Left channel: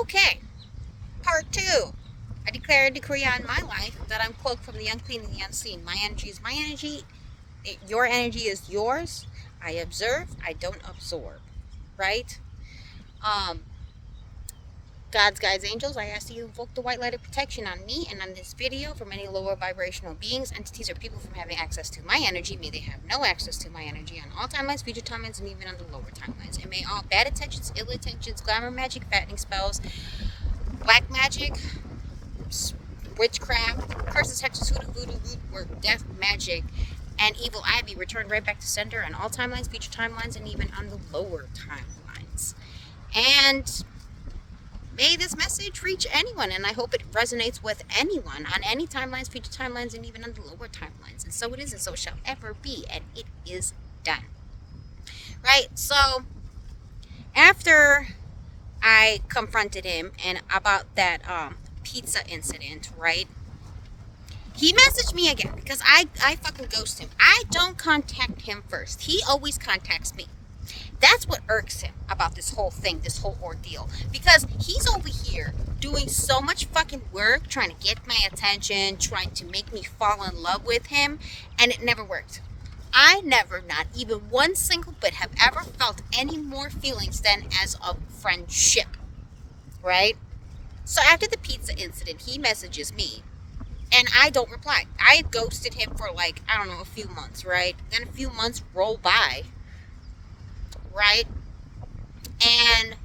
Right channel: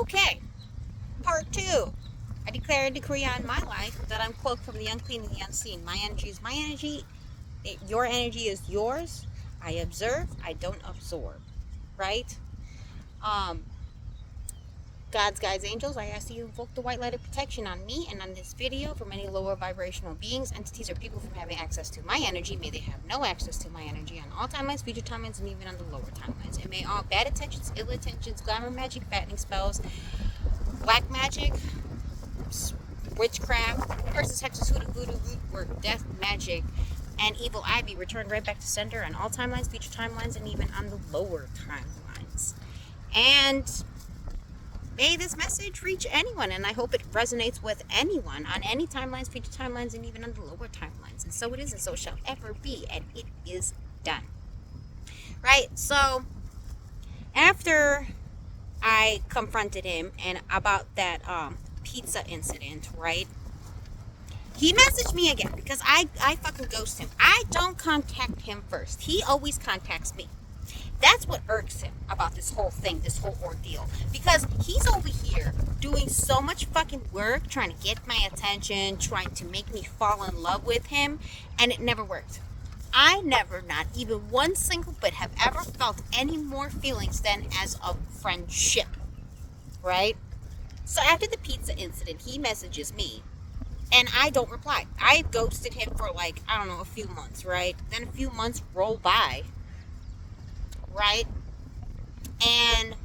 Okay, part two. I declare a decree on my life that I'm cloaked from the unclean and the unseen. My energy is my energy. Your energy is yours. I observe. I don't absorb. Right? Um, God's guides, angels, I ask that you invoke the white light of protection on me and on this video from any lower vibrational beings, entities, or people from having access to my energy. May they have no access to my energy on all timelines, future timelines, and even on the lower timelines. And may all bad intentions, ill intentions, glamour magic, fattening spells, black magic, witchcraft, curses, hexes, hoodoo, voodoo, root work, death, magic, and evil eye be returned right back to sender on all timelines, future timelines, and even on the lower timelines. And may this message reach anyone, and I hope it resonates with anyone on any timelines, future timelines, and even on the lower timelines. And so it is, and so shall ever be, and it is done. Right? So, after I confronted him and about that pizza incident, right? He messaged me again because I fucking ghost him. I don't contact him first. He always contacts me. That's what irks him about this whole thing, this whole ordeal. Because he's over here doing so much fucking work, trying to get my attention, trying to make me fall in love with him, and it never worked. I never, not even one single bit, have ever felt any more feelings than as a friendship. Right? So after the pizza incident, he messages me, and I don't reply. I ghosted him for like, I don't know, a few months, right? Then a few months roll by, right? And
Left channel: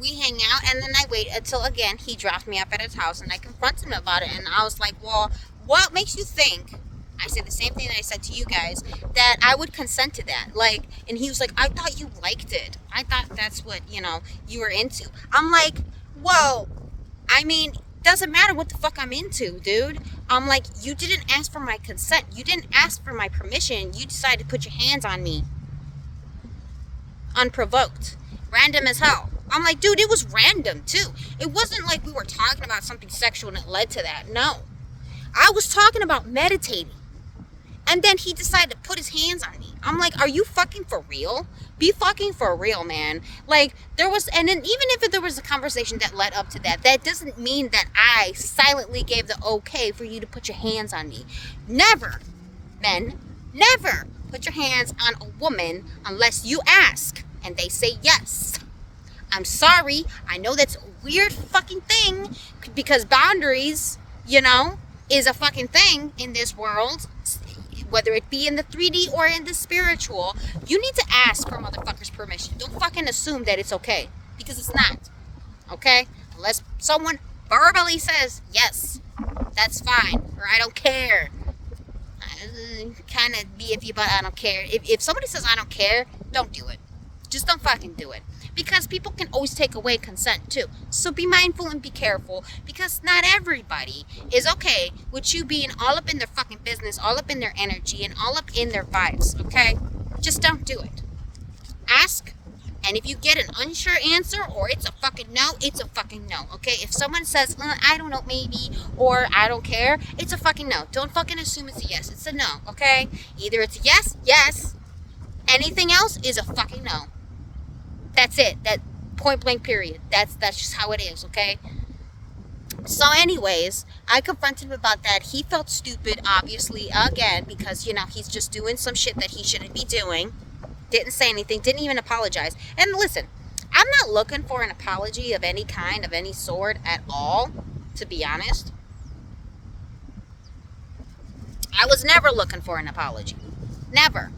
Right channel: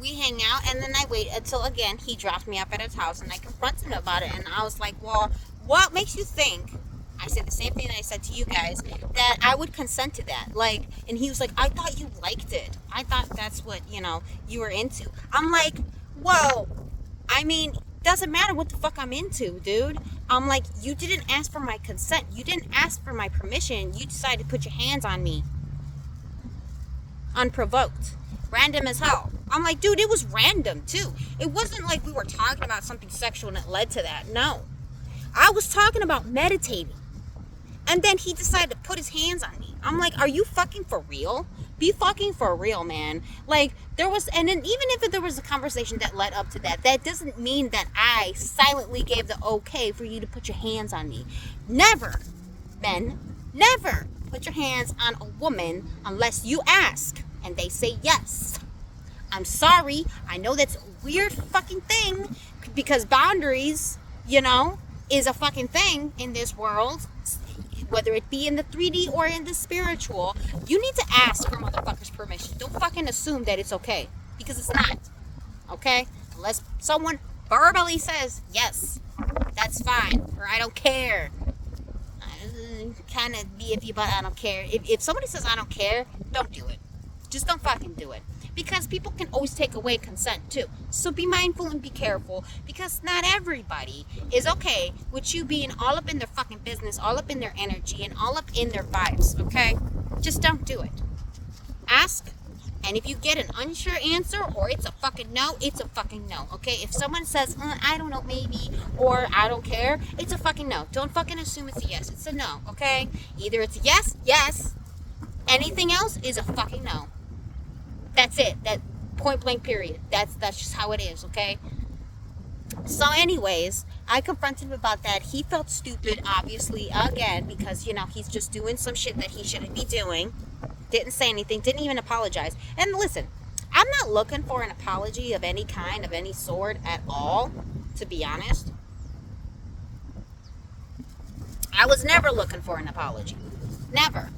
we hang out, and then I wait until, again, he drops me up at his house, and I confront him about it, and I was like, well, what makes you think, I said the same thing that I said to you guys, that I would consent to that? Like, and he was like, I thought you liked it. I thought that's what, you were into. I'm like, well, I mean, doesn't matter what the fuck I'm into, dude. I'm like, you didn't ask for my consent. You didn't ask for my permission. You decided to put your hands on me. Unprovoked. Random as hell. I'm like, dude, it was random, too. It wasn't like we were talking about something sexual and it led to that. No. I was talking about meditating. And then he decided to put his hands on me. I'm like, are you fucking for real? Be fucking for real, man. Like, and then even if there was a conversation that led up to that, that doesn't mean that I silently gave the okay for you to put your hands on me. Never, men, never put your hands on a woman unless you ask and they say yes. I'm sorry. I know that's a weird fucking thing because boundaries, is a fucking thing in this world. Whether it be in the 3D or in the spiritual, you need to ask for motherfuckers' permission. Don't fucking assume that it's okay, because it's not. Okay? Unless someone verbally says, yes, that's fine, or I don't care. Kind of be iffy about I don't care. If somebody says I don't care, don't do it. Just don't fucking do it. Because people can always take away consent too. So be mindful and be careful, because not everybody is okay with you being all up in their fucking business, all up in their energy, and all up in their vibes, okay? Just don't do it. Ask, and if you get an unsure answer or it's a fucking no, it's a fucking no, okay? If someone says, I don't know, maybe, or I don't care, it's a fucking no. Don't fucking assume it's a yes. It's a no, okay? Either it's a yes, yes. Anything else is a fucking no. That's it. That point blank period. That's just how it is, okay? So anyways, I confronted him about that. He felt stupid, obviously, again, because, he's just doing some shit that he shouldn't be doing. Didn't say anything, didn't even apologize. And listen, I'm not looking for an apology of any kind, of any sort at all, to be honest. I was never looking for an apology. Never.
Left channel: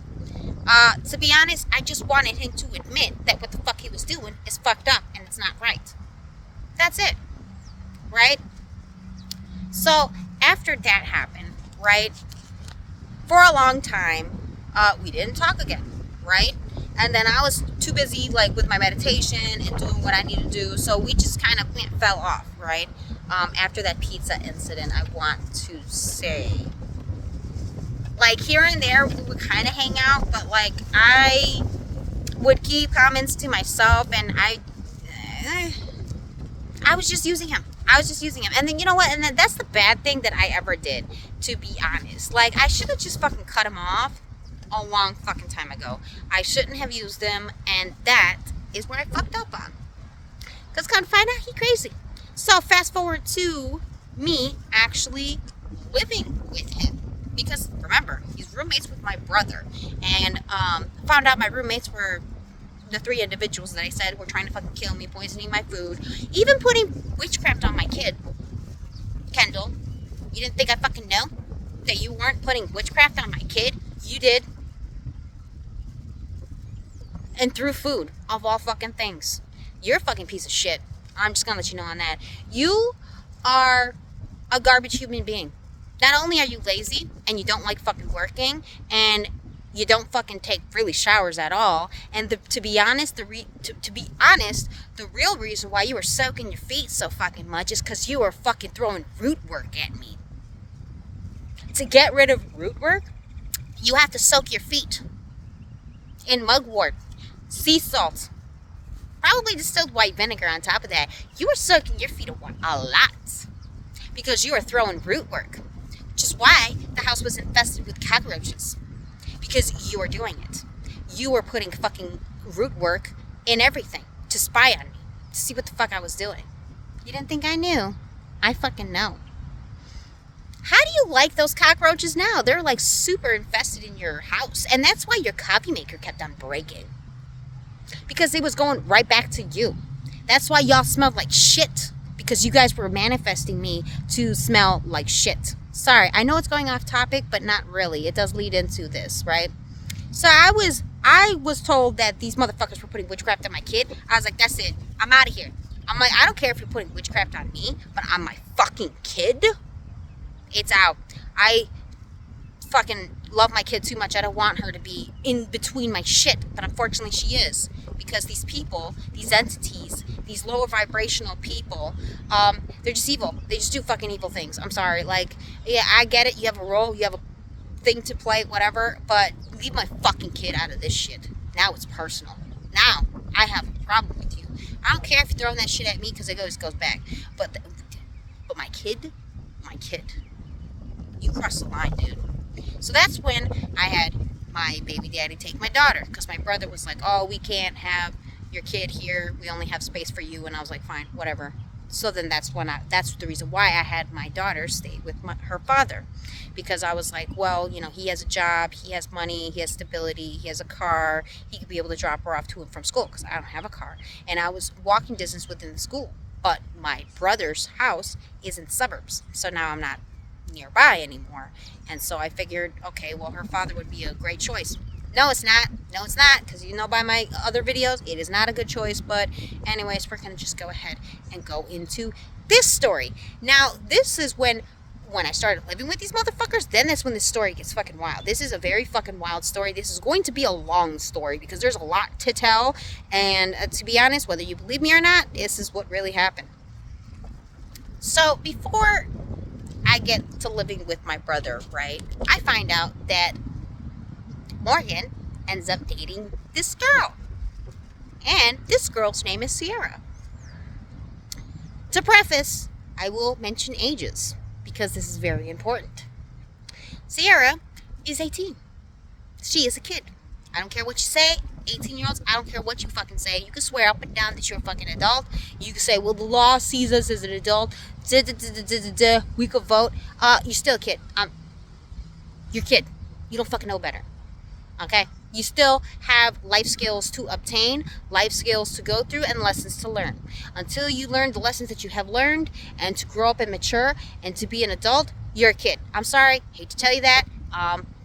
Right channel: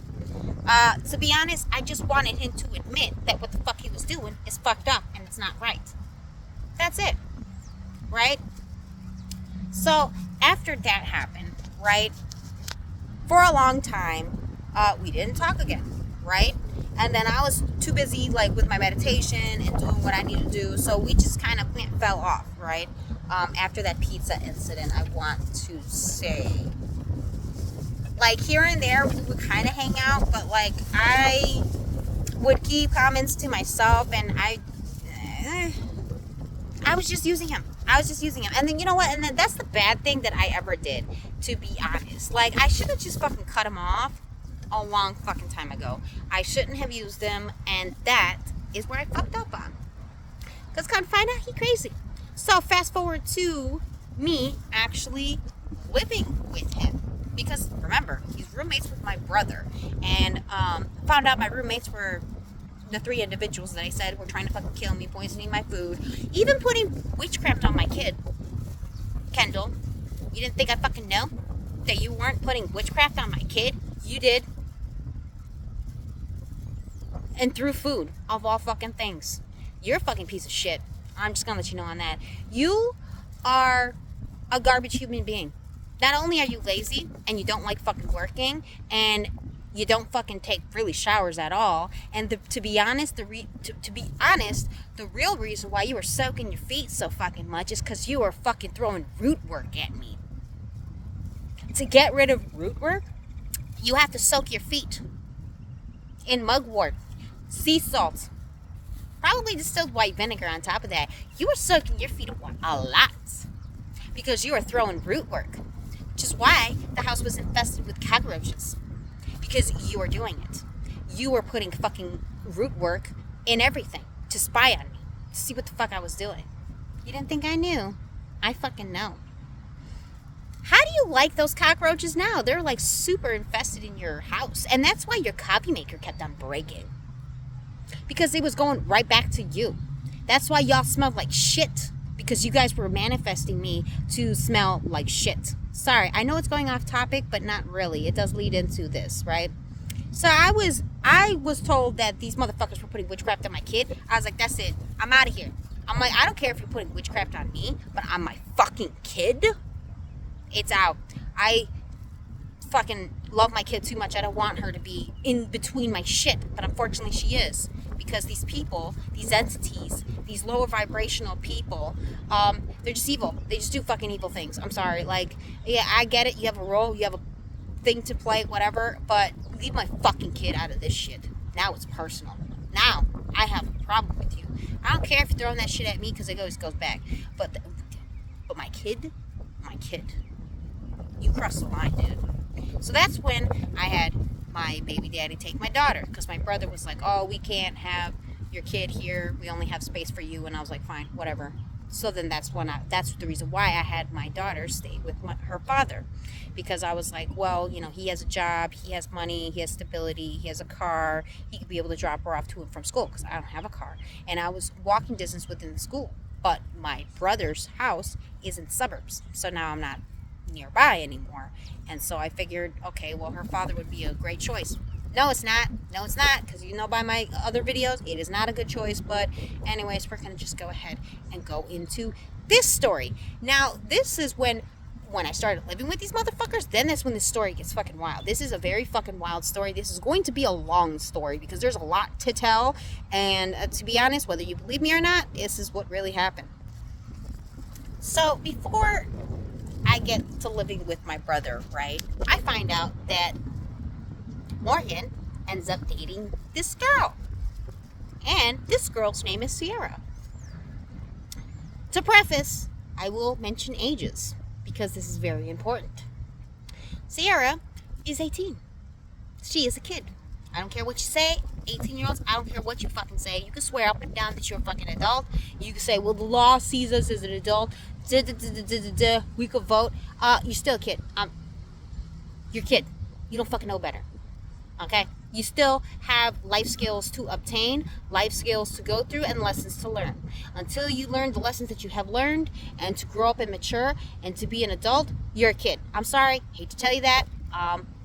To be honest, I just wanted him to admit that what the fuck he was doing is fucked up and it's not right. That's it. Right? So, after that happened, right, for a long time, we didn't talk again, right? And then I was too busy, like, with my meditation and doing what I need to do, so we just kind of fell off, right? After that pizza incident, I want to say, like, here and there, we would kind of hang out, but, like, I would keep comments to myself, and I was just using him. And then, you know what? And then that's the bad thing that I ever did, to be honest. Like, I should have just fucking cut him off a long fucking time ago. I shouldn't have used him, and that is what I fucked up on. Because come find out he crazy. So fast forward to me actually living with him. Because remember, he's roommates with my brother. And found out my roommates were the 3 individuals that I said were trying to fucking kill me, poisoning my food, even putting witchcraft on my kid. Kendall, you didn't think I fucking know that you weren't putting witchcraft on my kid? You did. And through food, of all fucking things. You're a fucking piece of shit. I'm just gonna let you know on that. You are a garbage human being. Not only are you lazy and you don't like fucking working and you don't fucking take really showers at all, and to be honest, the real reason why you were soaking your feet so fucking much is because you were fucking throwing root work at me. To get rid of root work, you have to soak your feet in mugwort, sea salt, probably distilled white vinegar on top of that. You were soaking your feet a lot because you were throwing root work, which is why the house was infested with cockroaches. Because you were doing it. You were putting fucking root work in everything to spy on me, to see what the fuck I was doing. You didn't think I knew? I fucking know. How do you like those cockroaches now? They're like super infested in your house. And that's why your coffee maker kept on breaking. Because it was going right back to you. That's why y'all smelled like shit. Because you guys were manifesting me to smell like shit. Sorry, I know it's going off topic, but not really. It does lead into this, right? So I was told that these motherfuckers were putting witchcraft on my kid. I was like, that's it. I'm out of here. I'm like, I don't care if you're putting witchcraft on me, but on my fucking kid, it's out. I fucking love my kid too much. I don't want her to be in between my shit, but unfortunately she is. Because these people, these entities, these lower vibrational people, they're just evil. They just do fucking evil things. I'm sorry. Like, yeah, I get it. You have a role. You have a thing to play, whatever. But leave my fucking kid out of this shit. Now it's personal. Now I have a problem with you. I don't care if you're throwing that shit at me because it goes back. But my kid, you crossed the line, dude. So that's when I had my baby daddy take my daughter, because my brother was like, oh, we can't have your kid here, we only have space for you. And I was like, fine, whatever. So then that's the reason why I had my daughter stay with her father, because I was like, well, you know, he has a job, he has money, he has stability, he has a car, he could be able to drop her off to and from school, because I don't have a car, and I was walking distance within the school, but my brother's house is in the suburbs, so now I'm not nearby anymore. And so I figured, okay, well, her father would be a great choice. No, it's not, because you know by my other videos, it is not a good choice. But anyways, we're gonna just go ahead and go into this story. Now, this is when I started living with these motherfuckers, then that's when this story gets fucking wild. This is a very fucking wild story. This is going to be a long story because there's a lot to tell, and to be honest, whether you believe me or not, this is what really happened. So before I get to living with my brother, right, I find out that Morgan ends up dating this girl. And this girl's name is Sierra. To preface, I will mention ages because this is very important. Sierra is 18. She is a kid. I don't care what you say. 18-year-olds, I don't care what you fucking say. You can swear up and down that you're a fucking adult. You can say, well, the law sees us as an adult. We could vote. You're still a kid. You're a kid. You don't fucking know better. Okay? You still have life skills to obtain, life skills to go through, and lessons to learn. Until you learn the lessons that you have learned, and to grow up and mature, and to be an adult, you're a kid. I'm sorry. Hate to tell you that.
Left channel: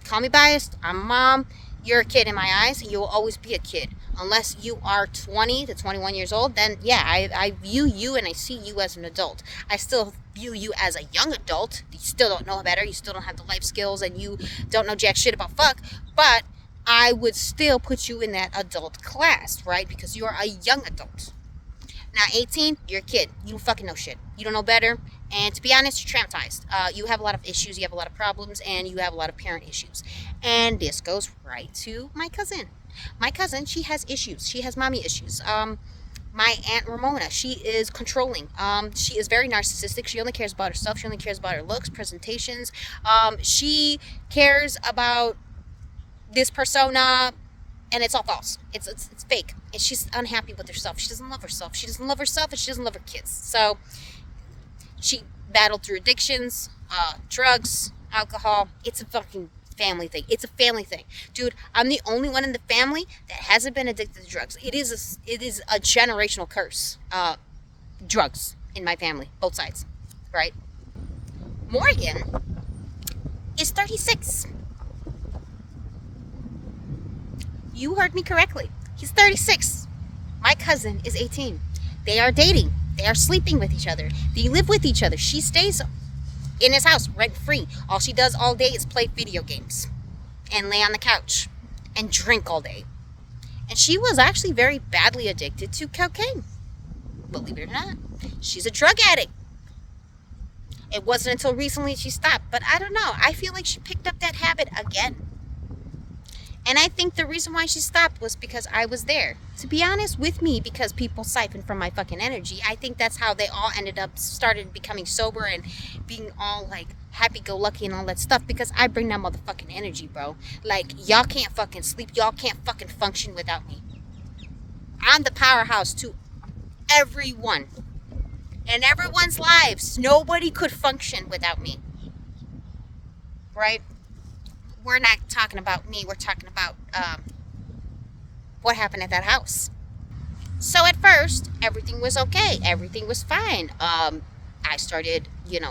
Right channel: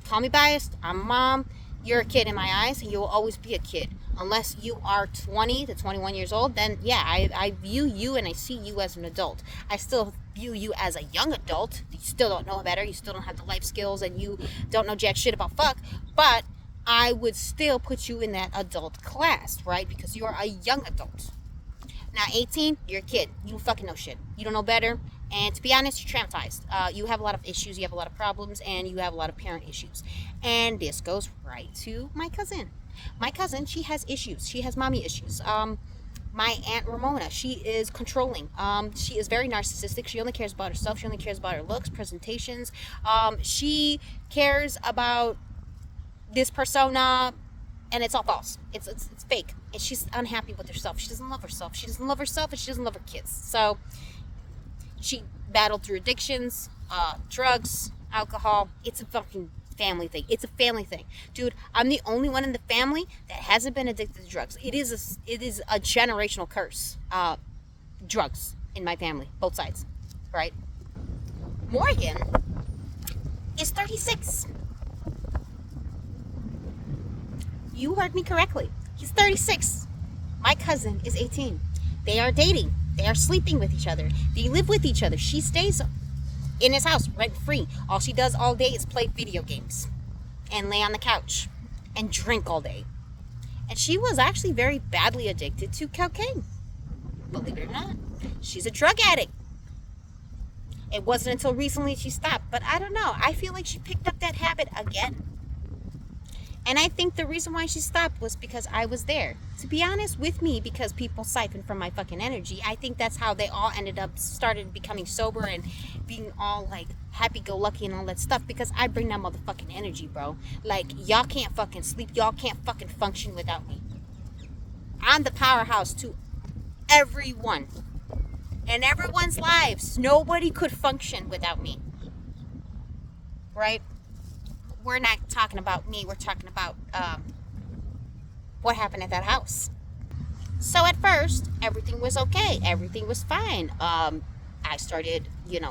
Call me biased. I'm a mom. You're a kid in my eyes. You will always be a kid. Unless you are 20 to 21 years old, then yeah, I view you and I see you as an adult. I still view you as a young adult. You still don't know better. You still don't have the life skills, and you don't know jack shit about fuck. But I would still put you in that adult class, right? Because you are a young adult. Now, 18, you're a kid. You don't fucking know shit. You don't know better. And to be honest, you're traumatized. You have a lot of issues. You have a lot of problems. And you have a lot of parent issues. And this goes right to my cousin. My cousin, she has issues. She has mommy issues. My Aunt Ramona, she is controlling. She is very narcissistic. She only cares about herself. She only cares about her looks, presentations. She cares about this persona And it's all false. It's fake. And she's unhappy with herself. She doesn't love herself. She doesn't love herself, and she doesn't love her kids. So she battled through addictions, drugs, alcohol. It's a fucking family thing. It's a family thing, dude. I'm the only one in the family that hasn't been addicted to drugs. It is a generational curse. Drugs in my family, both sides, right? Morgan is 36. You heard me correctly. He's 36. My cousin is 18. They are dating. They are sleeping with each other. They live with each other. She stays in his house rent free. All she does all day is play video games and lay on the couch and drink all day. And she was actually very badly addicted to cocaine. Believe it or not, she's a drug addict. It wasn't until recently she stopped, but I don't know. I feel like she picked up that habit again. And I think the reason why she stopped was because I was there. To be honest with me, because people siphoned from my fucking energy. I think that's how they all started becoming sober and being all like happy-go-lucky and all that stuff, because I bring that motherfucking energy, bro. Like, y'all can't fucking sleep. Y'all can't fucking function without me. I'm the powerhouse to everyone. In everyone's lives. Nobody could function without me. Right? We're not talking about me. We're talking about what happened at that house. So at first, everything was okay. Everything was fine. I started,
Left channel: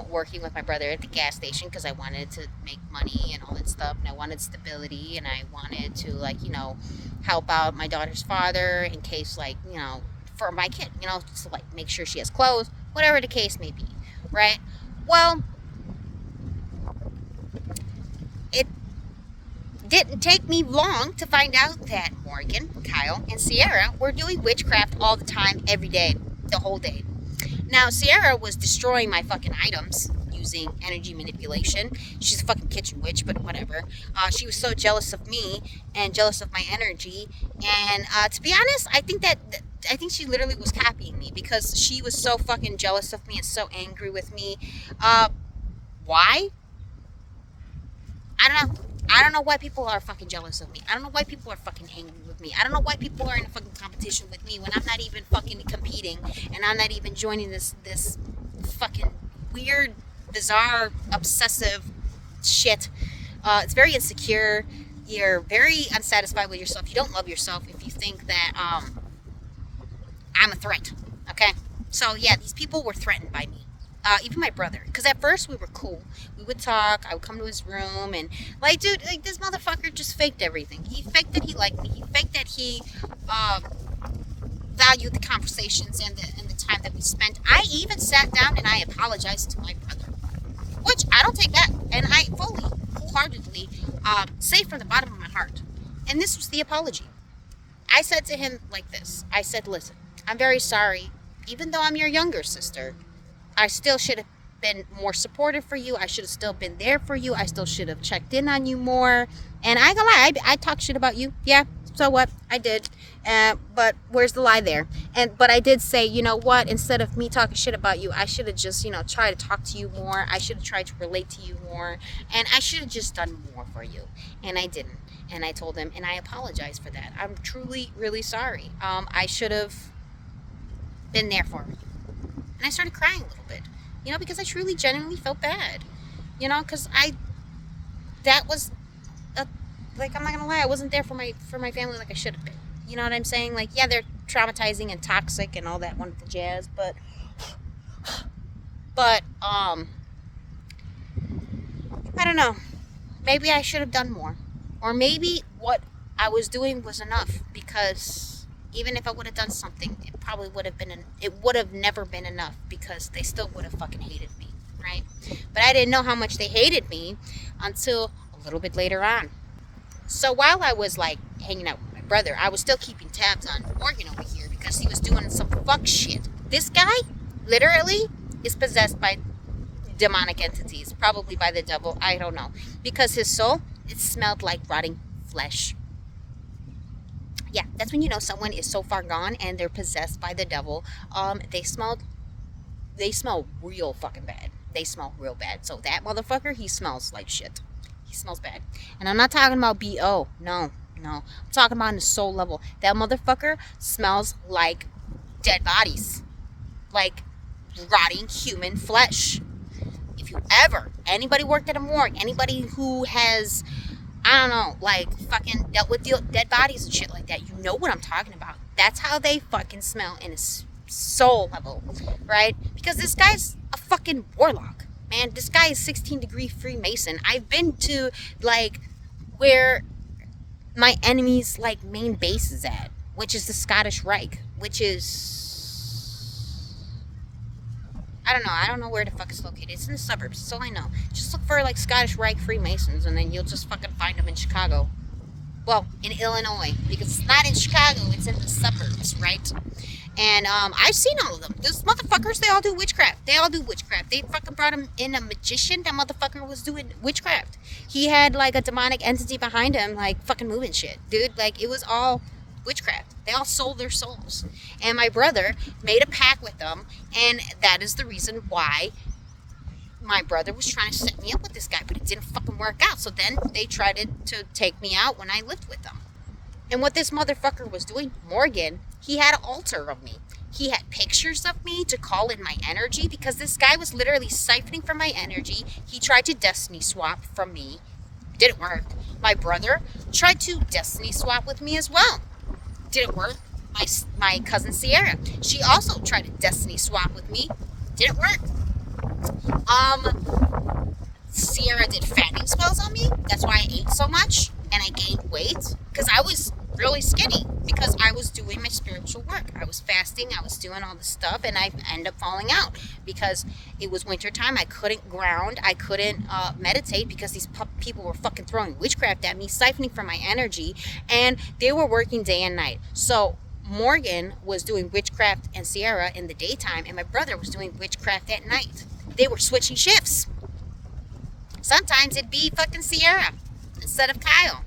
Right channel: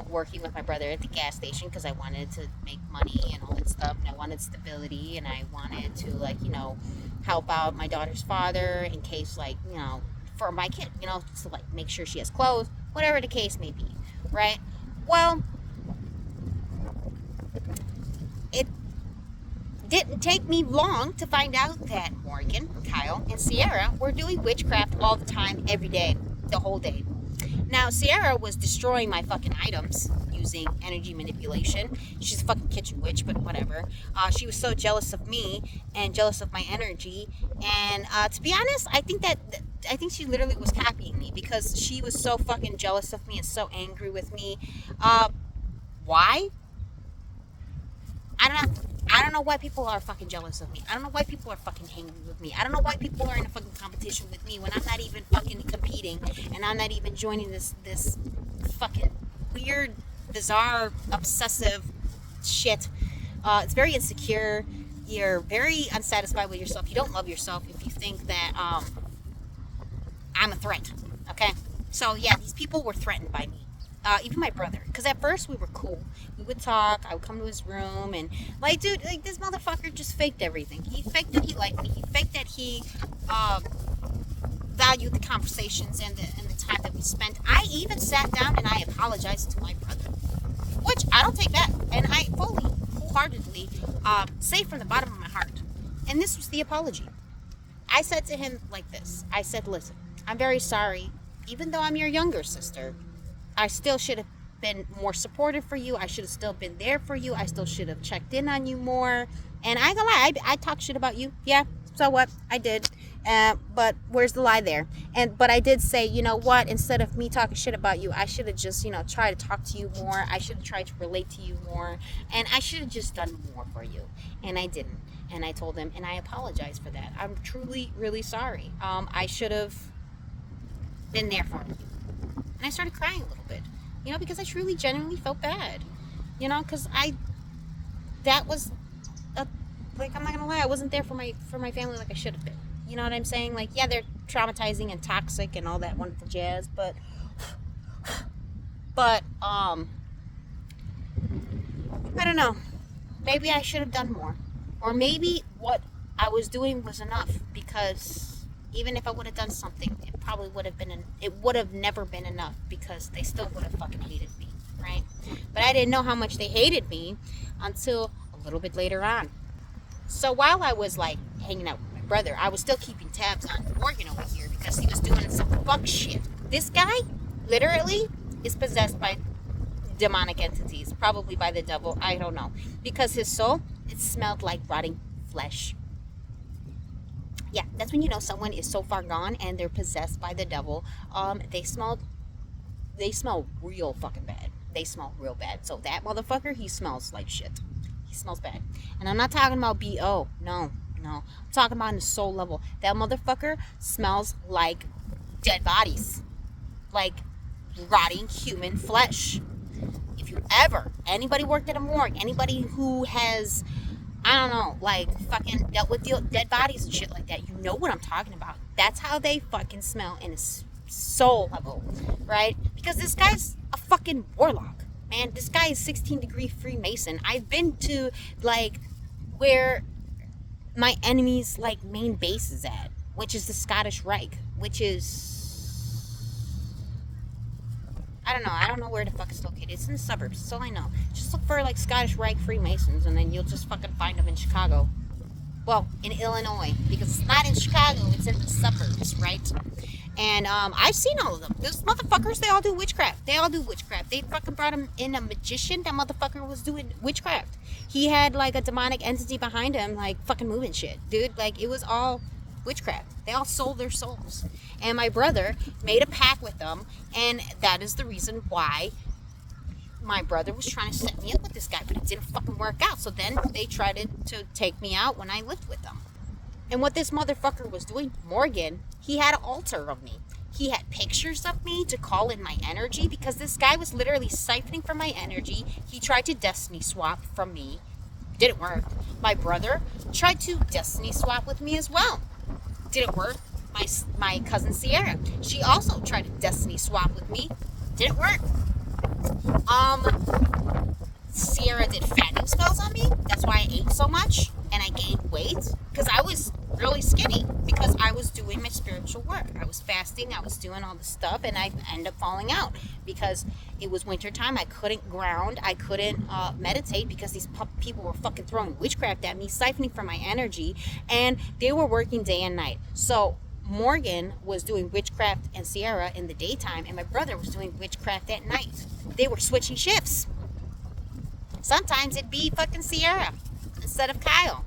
working with my brother at the gas station because I wanted to make money and all that stuff. And I wanted stability. And I wanted to, help out my daughter's father in case, for my kid, to, make sure she has clothes, whatever the case may be. Right? Well, it didn't take me long to find out that Morgan, Kyle, and Sierra were doing witchcraft all the time, every day, the whole day. Now, Sierra was destroying my fucking items using energy manipulation. She's a fucking kitchen witch, but whatever. She was so jealous of me and jealous of my energy. And to be honest, I think she literally was copying me because she was so fucking jealous of me and so angry with me. Why? I don't know why people are fucking jealous of me. I don't know why people are fucking angry with me. I don't know why people are in a fucking competition with me when I'm not even fucking competing and I'm not even joining this fucking weird, bizarre, obsessive shit. It's very insecure. You're very unsatisfied with yourself. You don't love yourself if you think that I'm a threat. Okay? So yeah, these people were threatened by me. Even my brother, because at first we were cool. We would talk. I would come to his room and dude, this motherfucker just faked everything. He faked that he liked me. He faked that he valued the conversations and the time that we spent. I even sat down and I apologized to my brother, which I don't take back, and I wholeheartedly say from the bottom of my heart. And this was the apology. I said to him like this. I said, listen, I'm very sorry. Even though I'm your younger sister, I still should have been more supportive for you. I should have still been there for you. I still should have checked in on you more. And I ain't gonna lie, I talked shit about you. Yeah, so what? I did. But where's the lie there? But I did say, you know what? Instead of me talking shit about you, I should have just, tried to talk to you more. I should have tried to relate to you more. And I should have just done more for you. And I didn't. And I told him, and I apologize for that. I'm truly, really sorry. I should have been there for you. And I started crying a little bit, because I truly, genuinely felt bad, because that was, I'm not gonna lie, I wasn't there for my family like I should have been. You know what I'm saying? Yeah, they're traumatizing and toxic and all that wonderful jazz, but I don't know. Maybe I should have done more, or maybe what I was doing was enough, because even if I would have done something, it probably would have been, it would have never been enough, because they still would have fucking hated me, right? But I didn't know how much they hated me until a little bit later on. So while I was hanging out with my brother, I was still keeping tabs on Morgan over here, because he was doing some fuck shit. This guy, literally, is possessed by demonic entities, probably by the devil, I don't know. Because his soul, it smelled like rotting flesh. Yeah, that's when someone is so far gone and they're possessed by the devil. They smell real fucking bad. They smell real bad. So that motherfucker, he smells like shit. He smells bad. And I'm not talking about BO. No. No, I'm talking about on the soul level. That motherfucker smells like dead bodies, like rotting human flesh. If you ever, anybody worked at a morgue, anybody who has, I don't know, like fucking dealt with dead bodies and shit like that, you know what I'm talking about. That's how they fucking smell in a soul level, right? Because this guy's a fucking warlock, man. This guy is 16-degree Freemason. I've been to, like, where my enemy's, like, main base is at, which is the Scottish Reich, which is, I don't know where the fuck it's located. It's in the suburbs, that's all I know. Just look for, like, Scottish Reich Freemasons, and then you'll just fucking find them in Chicago. Well, in Illinois, because it's not in Chicago, it's in the suburbs, right? And I've seen all of them. Those motherfuckers, they all do witchcraft. They fucking brought him in a magician. That motherfucker was doing witchcraft. He had, like, a demonic entity behind him, like, fucking moving shit. Dude, like, it was all witchcraft. They all sold their souls. And my brother made a pact with them, and that is the reason why my brother was trying to set me up with this guy, but it didn't fucking work out. So then they tried to take me out when I lived with them. And what this motherfucker was doing, Morgan, he had an altar of me. He had pictures of me to call in my energy, because this guy was literally siphoning from my energy. He tried to destiny swap from me. Didn't work. My brother tried to destiny swap with me as well. Didn't work. My cousin Sierra, she also tried to destiny swap with me. Didn't work. Sierra did fattening spells on me. That's why I ate so much and I gained weight, because I was really skinny, because I was doing my spiritual work. I was fasting, I was doing all this stuff, and I ended up falling out because it was winter time. I couldn't ground, I couldn't meditate, because these people were fucking throwing witchcraft at me, siphoning from my energy, and they were working day and night. So Morgan was doing witchcraft and Sierra in the daytime, and my brother was doing witchcraft at night. They were switching shifts. Sometimes it'd be fucking Sierra instead of Kyle.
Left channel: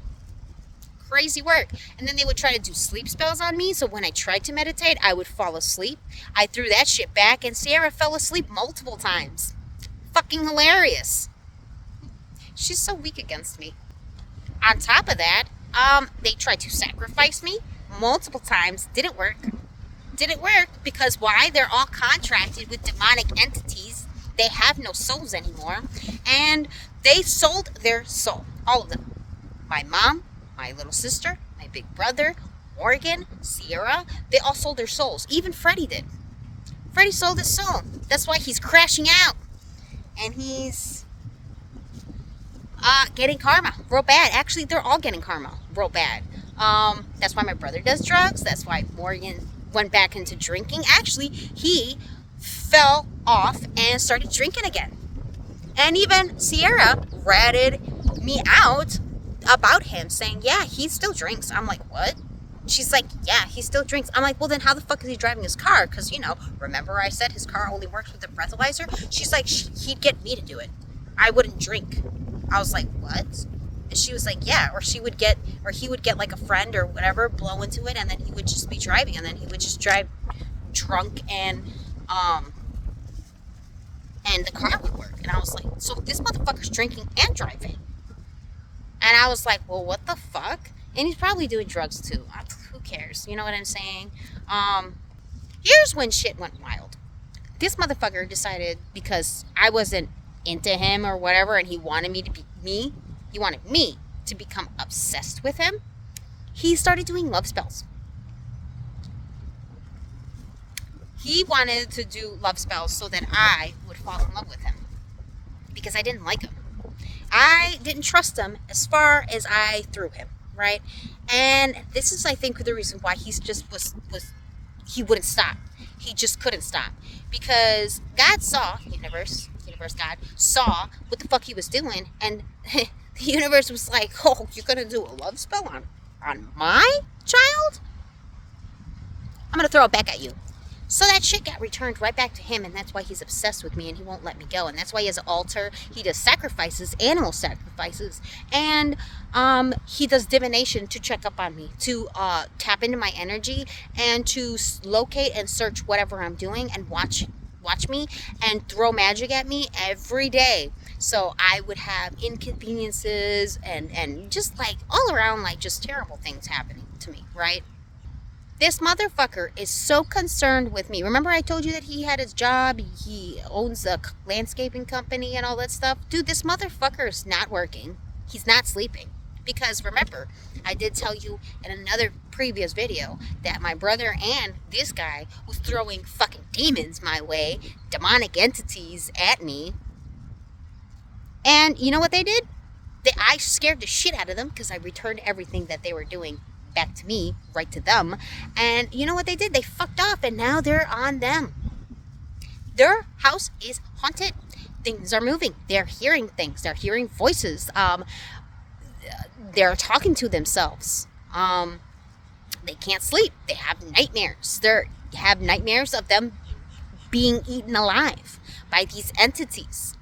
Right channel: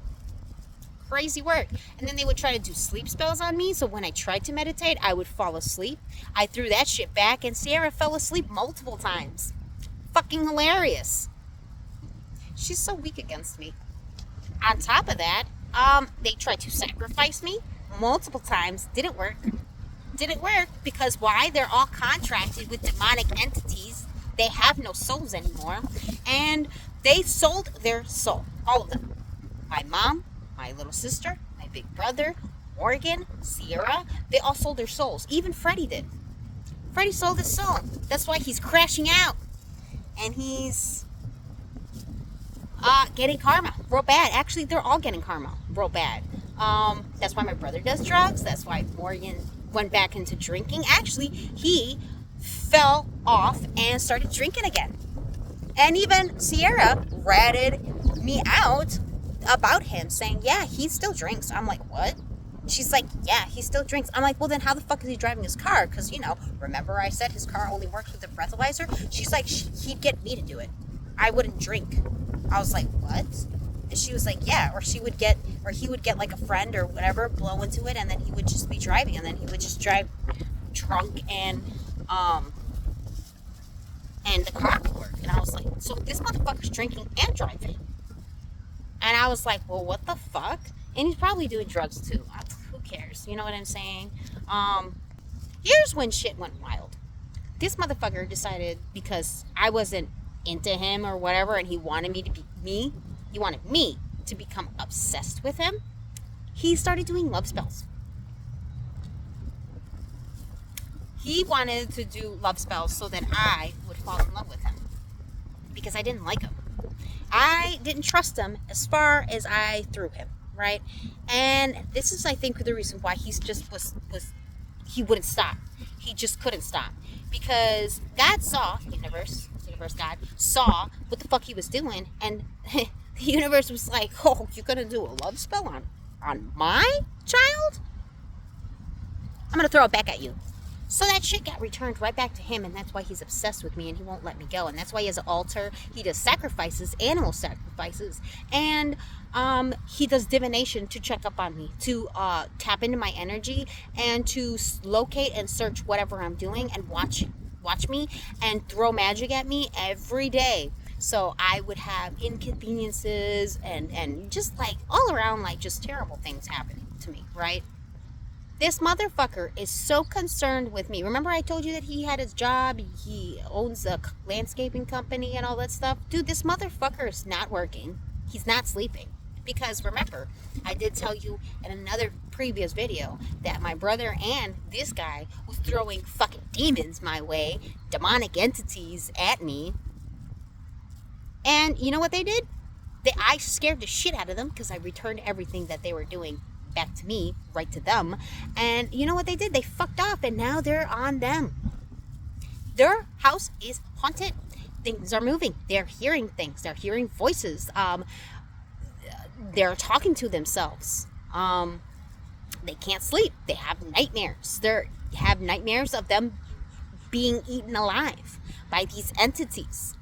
Crazy work. And then they would try to do sleep spells on me, so when I tried to meditate, I would fall asleep. I threw that shit back, and Sierra fell asleep multiple times. Fucking hilarious. She's so weak against me. On top of that, they tried to sacrifice me multiple times. Didn't work. Because why? They're all contracted with demonic entities. They have no souls anymore, and they sold their soul. All of them. My mom, my little sister, my big brother, Morgan, Sierra, they all sold their souls. Even Freddie did. Freddie sold his soul. That's why he's crashing out. And he's getting karma real bad. Actually, they're all getting karma real bad. That's why my brother does drugs. That's why Morgan went back into drinking. Actually, he fell off and started drinking again. And even Sierra ratted me out about him, saying, yeah, he still drinks. I'm like, what? She's like, yeah, he still drinks. I'm like, well, then how the fuck is he driving his car? Because, remember I said his car only works with the breathalyzer? She's like, he'd get me to do it. I wouldn't drink. I was like, what? And she was like, yeah, or he would get like a friend or whatever, blow into it, and then he would just be driving, and then he would just drive drunk, and the car would work. And I was like, so this motherfucker's drinking and driving. And I was like, well, what the fuck? And he's probably doing drugs too. Who cares? You know what I'm saying? Here's when shit went wild. This motherfucker decided, because I wasn't into him or whatever, and he wanted me to be me. He wanted me to become obsessed with him. He started doing love spells. He wanted to do love spells so that I would fall in love with him, because I didn't like him. I didn't trust him as far as I threw him, right? And this is, I think, the reason why he's just was he wouldn't stop. He just couldn't stop, because God saw, universe God saw what the fuck he was doing, and the universe was like, oh, you're gonna do a love spell on my child? I'm gonna throw it back at you. So that shit got returned right back to him, and that's why he's obsessed with me, and he won't let me go. And that's why he has an altar. He does sacrifices, animal sacrifices, and he does divination to check up on me, to tap into my energy, and to locate and search whatever I'm doing, and watch me, and throw magic at me every day So I would have inconveniences and just like all around, like just terrible things happening to me, right? This motherfucker is so concerned with me. Remember I told you that he had his job, he owns a landscaping company and all that stuff? Dude, this motherfucker is not working. He's not sleeping. Because remember, I did tell you in another previous video that my brother and this guy was throwing fucking demons my way, demonic entities at me. And you know what they did? I scared the shit out of them because I returned everything that they were doing back to me, right to them. And you know what they did? They fucked up, and now they're on them. Their house is haunted. Things are moving. They're hearing things. They're hearing voices. They're talking to themselves. They can't sleep. They have nightmares. They have nightmares of them being eaten alive by these entities.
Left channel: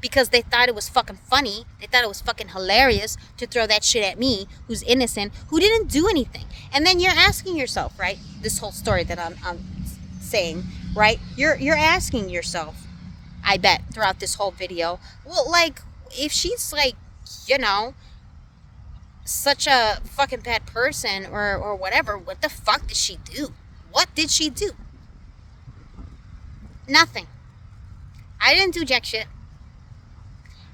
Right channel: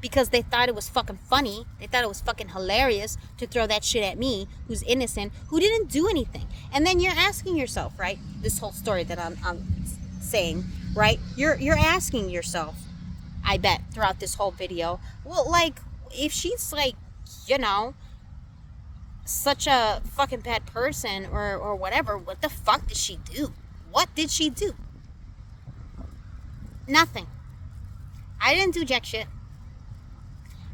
Because they thought it was fucking funny. They thought it was fucking hilarious to throw that shit at me, who's innocent, who didn't do anything. And then you're asking yourself, right? This whole story that I'm saying, right? You're asking yourself, I bet, throughout this whole video, well, like, if she's like, you know, such a fucking bad person or whatever, what the fuck did she do? What did she do? Nothing. I didn't do jack shit.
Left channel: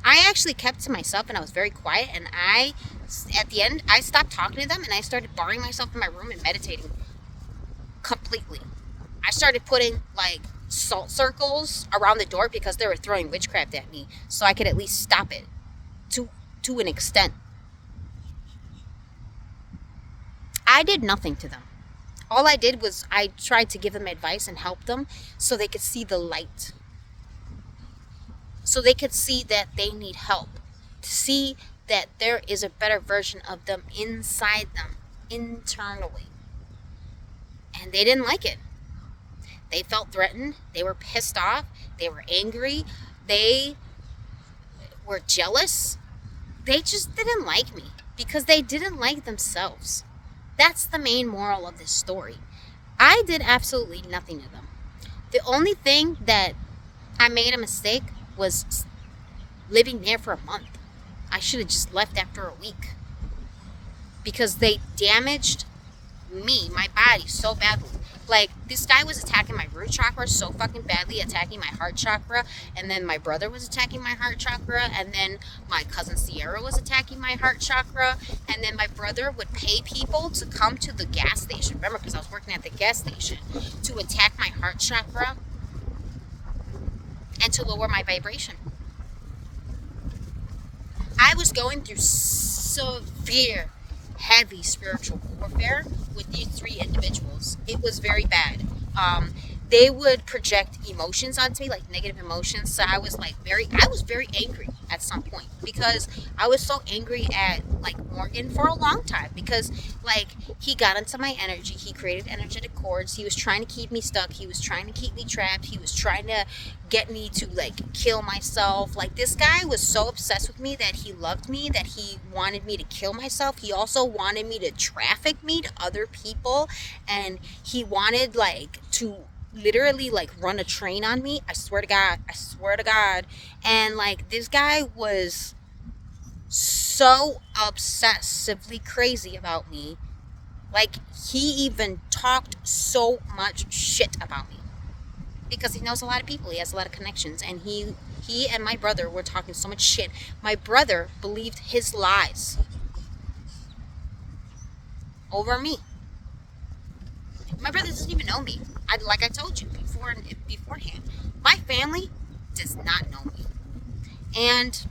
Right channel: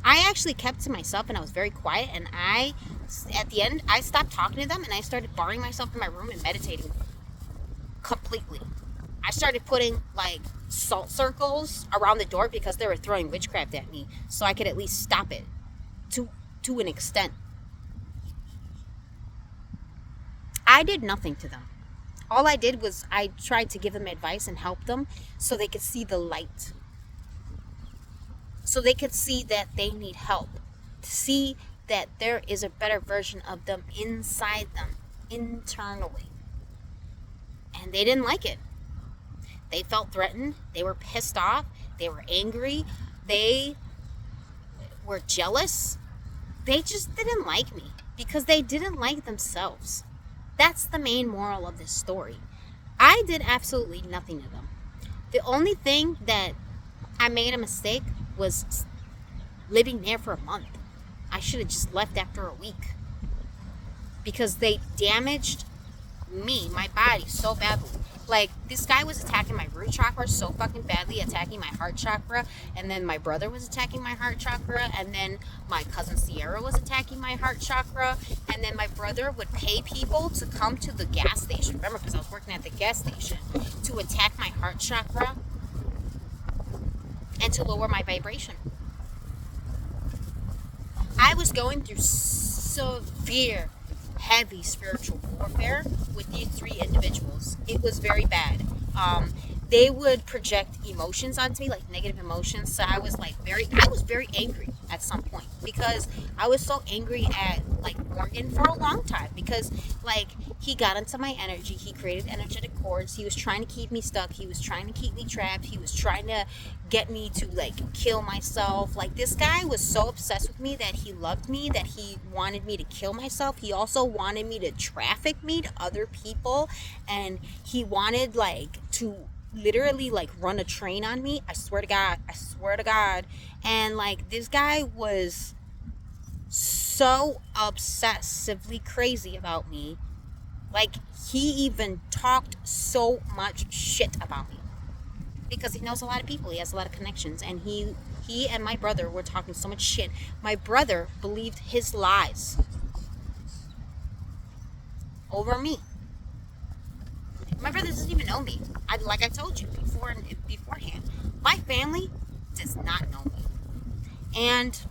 I actually kept to myself and I was very quiet, and at the end, I stopped talking to them and I started barring myself in my room and meditating completely. I started putting like salt circles around the door because they were throwing witchcraft at me, so I could at least stop it to an extent. I did nothing to them. All I did was I tried to give them advice and help them so they could see the light. So they could see that they need help. See that there is a better version of them inside them, internally. And they didn't like it. They felt threatened. They were pissed off. They were angry. They were jealous. They just didn't like me because they didn't like themselves. That's the main moral of this story. I did absolutely nothing to them. The only thing that I made a mistake was living there for a month. I should have just left after a week because they damaged me, my body, so badly. Like, this guy was attacking my root chakra so fucking badly, attacking my heart chakra, and then my brother was attacking my heart chakra, and then my cousin Sierra was attacking my heart chakra, and then my brother would pay people to come to the gas station, remember, because I was working at the gas station, to attack my heart chakra and to lower my vibration. I was going through severe, heavy spiritual warfare with these three individuals. It was very bad. They would project emotions onto me, like negative emotions. So I was very angry at some point because I was so angry at like Morgan for a long time because like he got into my energy. He created energetic cords. He was trying to keep me stuck. He was trying to keep me trapped. He was trying to get me to like kill myself. Like, this guy was so obsessed with me that he loved me, that he wanted me to kill myself. He also wanted me to traffic me to other people, and he wanted like to literally like run a train on me. I swear to God. And like, this guy was so obsessively crazy about me. Like, he even talked so much shit about me because he knows a lot of people. He has a lot of connections, and he and my brother were talking so much shit. My brother believed his lies over me. My brother doesn't even know me. Like I told you beforehand, my family does not know me. And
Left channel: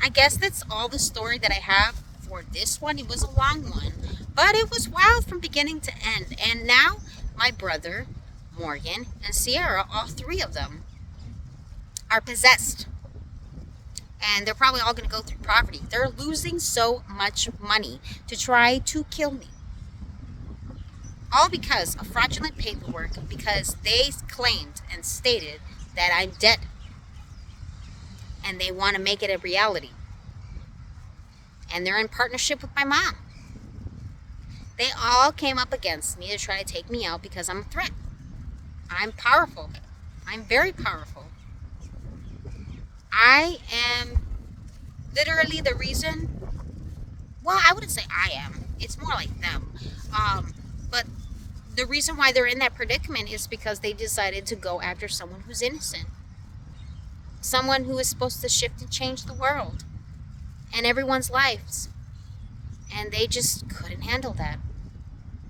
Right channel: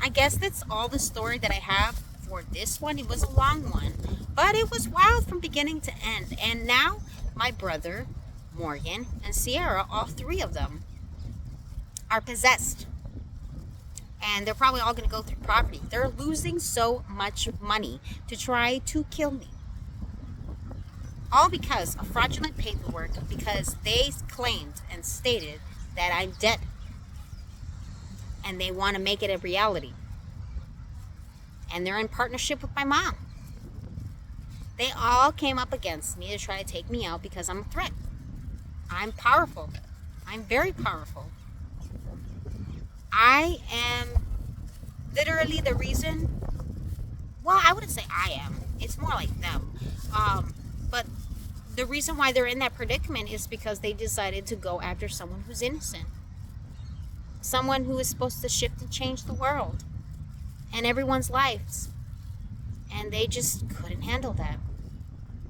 I guess that's all the story that I have for this one. It was a long one, but it was wild from beginning to end. And now my brother, Morgan, and Sierra, all three of them, are possessed. And they're probably all going to go through poverty. They're losing so much money to try to kill me. All because of fraudulent paperwork, because they claimed and stated that I'm dead. And they want to make it a reality. And they're in partnership with my mom. They all came up against me to try to take me out because I'm a threat. I'm powerful. I'm very powerful. I am literally the reason. Well, I wouldn't say I am. It's more like them. But the reason why they're in that predicament is because they decided to go after someone who's innocent. Someone who is supposed to shift and change the world and everyone's lives. And they just couldn't handle that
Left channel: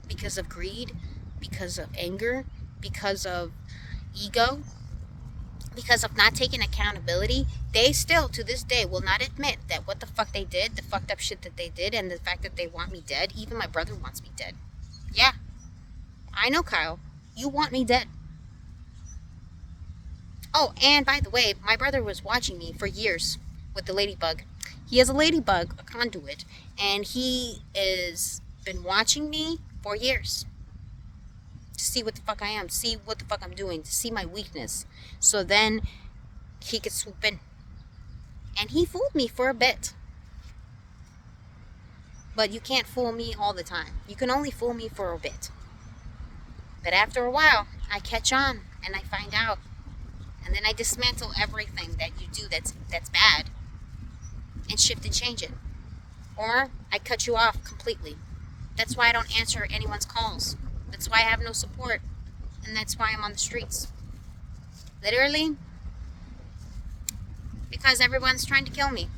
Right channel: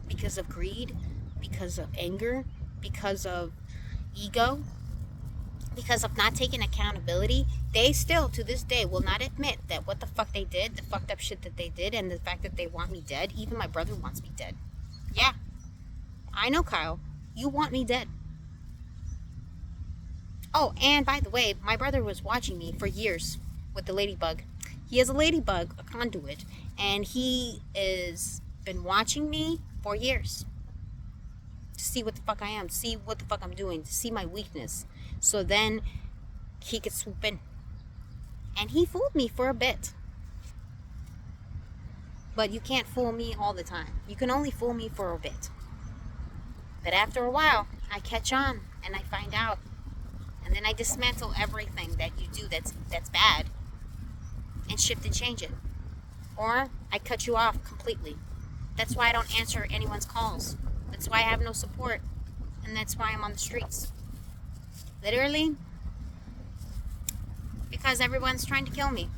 because of greed, because of anger, because of ego, because of not taking accountability. They still, to this day, will not admit that what the fuck they did, the fucked up shit that they did, and the fact that they want me dead. Even my brother wants me dead. Yeah, I know, Kyle. You want me dead. Oh, and by the way, my brother was watching me for years with the ladybug. He has a ladybug, a conduit, and he is been watching me for years to see what the fuck I am, to see what the fuck I'm doing, to see my weakness. So then he could swoop in. And he fooled me for a bit. But you can't fool me all the time. You can only fool me for a bit. But after a while, I catch on and I find out. And then I dismantle everything that you do that's bad and shift and change it. Or I cut you off completely. That's why I don't answer anyone's calls. That's why I have no support. And that's why I'm on the streets. Literally, because everyone's trying to kill me.